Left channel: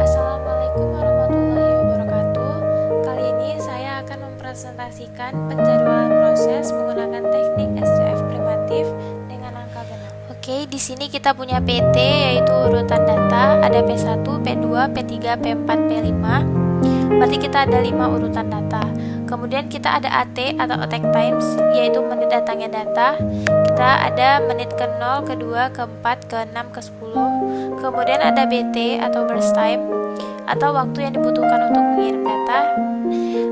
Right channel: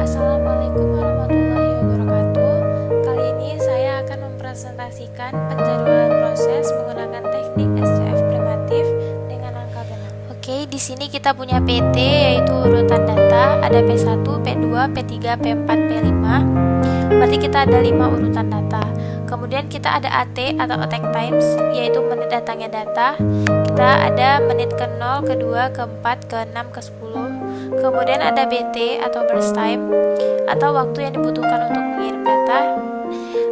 Assalamualaikum warahmatullahi wabarakatuh. Kali ini saya akan mempresentasikan penjadwalan proses menggunakan teknik SCF primatif dengan angka genap. Oke, di sini kita punya PT yaitu urutan data, ada P1, P2, P3, P4, P5. Berarti kita ada 5 urutan data. Kemudian kita ada AT atau attack times, yaitu menit datangnya data. Kita ada menit ke-0, ke-2, ke-4, ke-6, ke-10. Kemudian ada BT atau burst time, atau waktu yang dibutuhkan untuk mengirim data.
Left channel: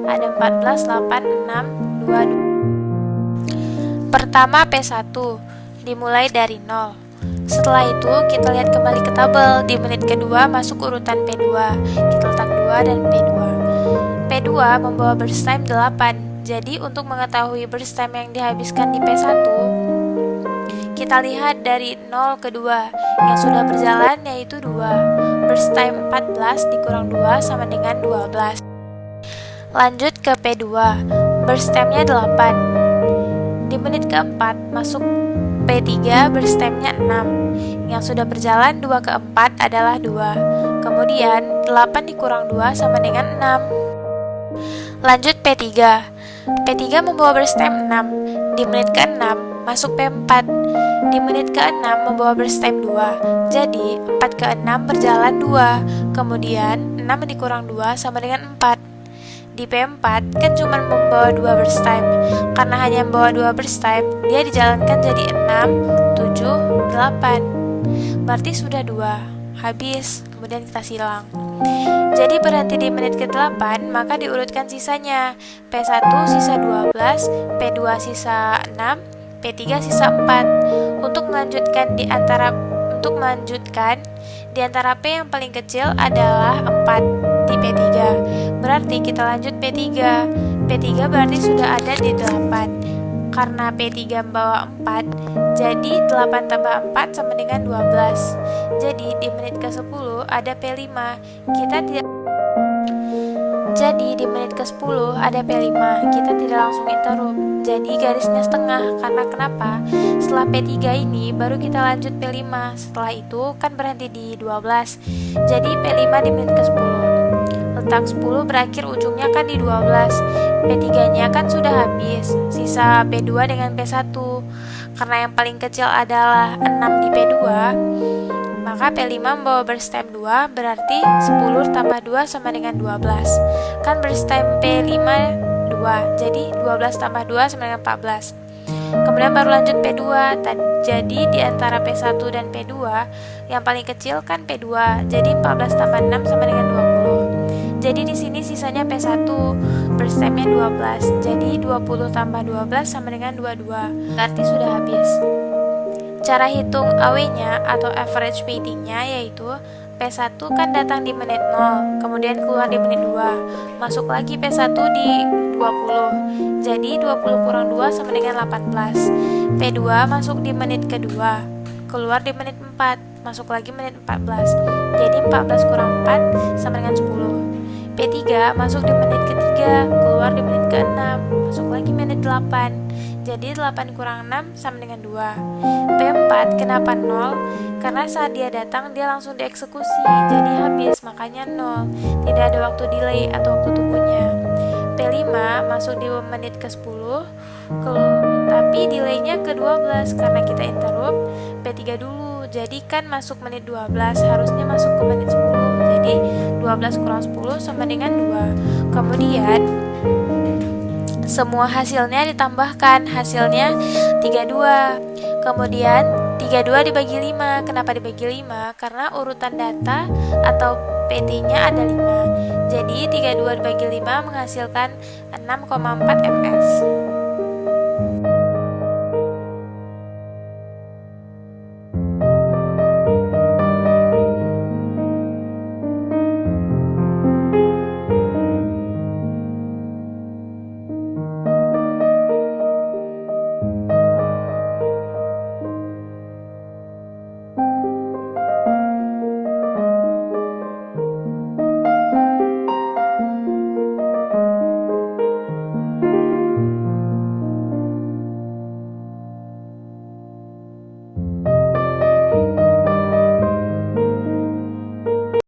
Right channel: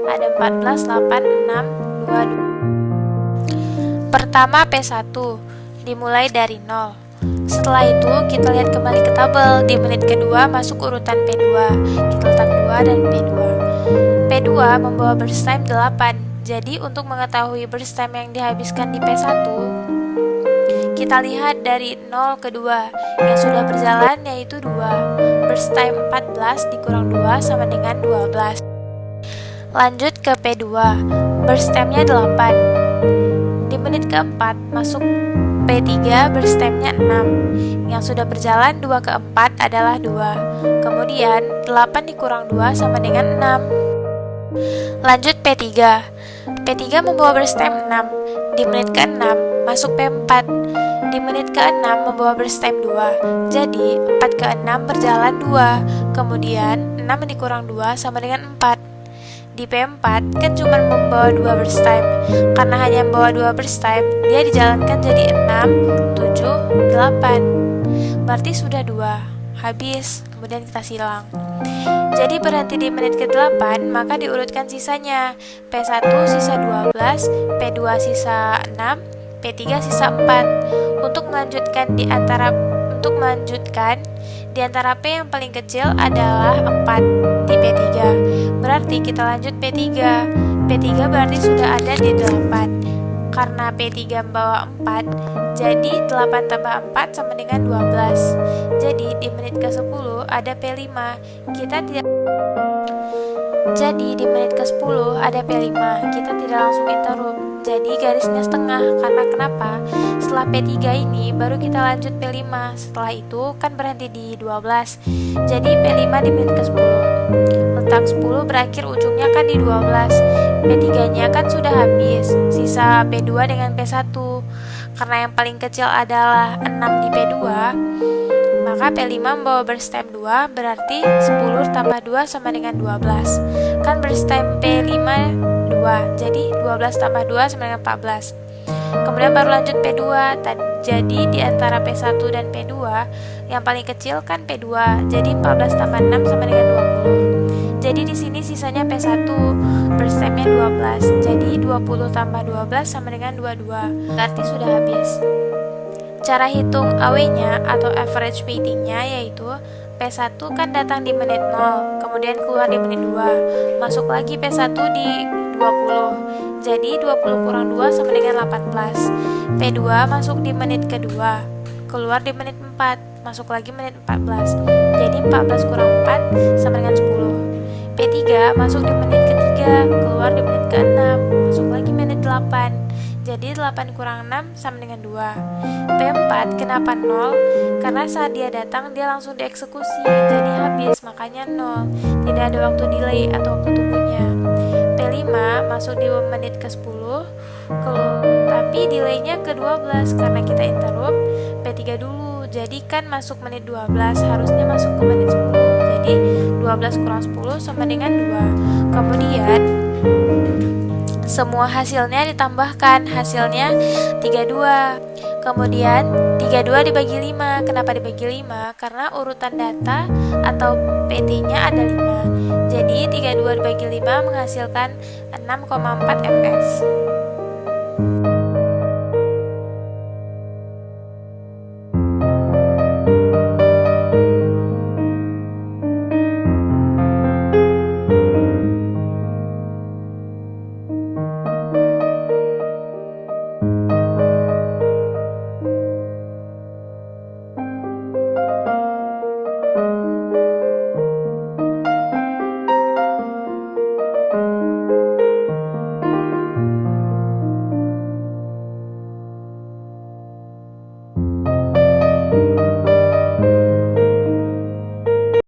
Ada 14, 8, 6, 2. Pertama P1, dimulai dari 0. Setelah itu kita lihat kembali ke tabel. Di menit kedua masuk urutan P2. Kita letak 2 dan P2. P2 membawa burst time 8. Jadi untuk mengetahui burst time yang dihabiskan di P1, kita lihat dari 0 ke 2. Yang sudah berjalan yaitu 2. Burst time 14 dikurang 2 sama dengan 12. Lanjut ke P2. Burst time-nya 8. Di menit keempat masuk P3, burst time-nya 6. Yang sudah berjalan 2 ke 4 adalah 2. Kemudian 8 dikurang 2 sama dengan 6. Lanjut P3. P3 membawa burst time 6. Di menit ke-6 masuk P4. Di menit ke-6 membawa burst time 2. Jadi 4 ke 6 berjalan 2. Kemudian 6 dikurang 2 sama dengan 4. Di P4 kan cuma membawa 2 burst time. Karena hanya membawa 2 burst time, dia dijalankan jadi 6, 7, 8. Berarti sudah 2. Habis. Kemudian kita silang. Jadi berhenti di menit ke-8, maka diurutkan sisanya. P1 sisa 12, P2 sisa 6, P3 sisa 4. Untuk melanjutkan di antara P yang paling kecil adalah 4 di P3. Berarti kita lanjut P3. P3 berarti sudah ada di 8. Karena P3 membawa 4, jadi 8 tambah 4 sama dengan 12. Jadi di menit ke-10 ada P5. Jadi di menit ke-10 ada P5. Kita tidak langsung interrupt. Jadi garisnya setengah. Karena kenapa? Setelah P3 ini baru kita lanjut P5. Setelah itu kan berhenti di 12. Jadi P5 di menit ke-10. Letak 10 berakhir ujungnya kan di 12. P3-nya kan sudah habis. Sisa P2 dengan P1. Karena yang paling kecil adalah 6 di P2, maka P5 membawa burst time 2, berarti 10 tambah 2 sama dengan 12. Kan burst time P5 2, jadi 12 tambah 2 sama dengan 14. Kemudian baru lanjut P2. Jadi di antara P1 dan P2, yang paling kecil kan P2, jadi 14 tambah 6 sama dengan 20. Jadi di sini sisanya P1, burst time-nya 12. Jadi 20 tambah 12 sama dengan 22. Berarti sudah habis. Cara hitung AW-nya atau average waiting-nya yaitu P1 kan datang di menit 0, kemudian keluar di menit 2. Masuk lagi P1 di 20. Jadi 20 kurang 2 sama dengan 18. P2 masuk di menit kedua, keluar di menit 4. Masuk lagi menit 14. Jadi 14 kurang 4 sama dengan 10. P3 masuk di menit ketiga, keluar di menit ke-6. Masuk lagi menit 8. Jadi 8 kurang 6 sama dengan 2. P4 kenapa 0? Karena saat dia datang dia langsung dieksekusi, jadi habis, makanya 0. Tidak ada waktu delay atau waktu tunggunya. P5 masuk di menit ke-10, tapi delaynya ke-12 karena kita interrupt P3 dulu. Jadi kan masuk menit 12, harusnya masuk ke menit 10. Jadi 12 kurang 10 sama dengan 2. Kemudian semua hasilnya ditambahkan, hasilnya 32. Kemudian 32 dibagi 5. Kenapa dibagi 5? Karena urutan data atau PT-nya ada 5. Jadi 32 dibagi 5 menghasilkan 6,4 ms.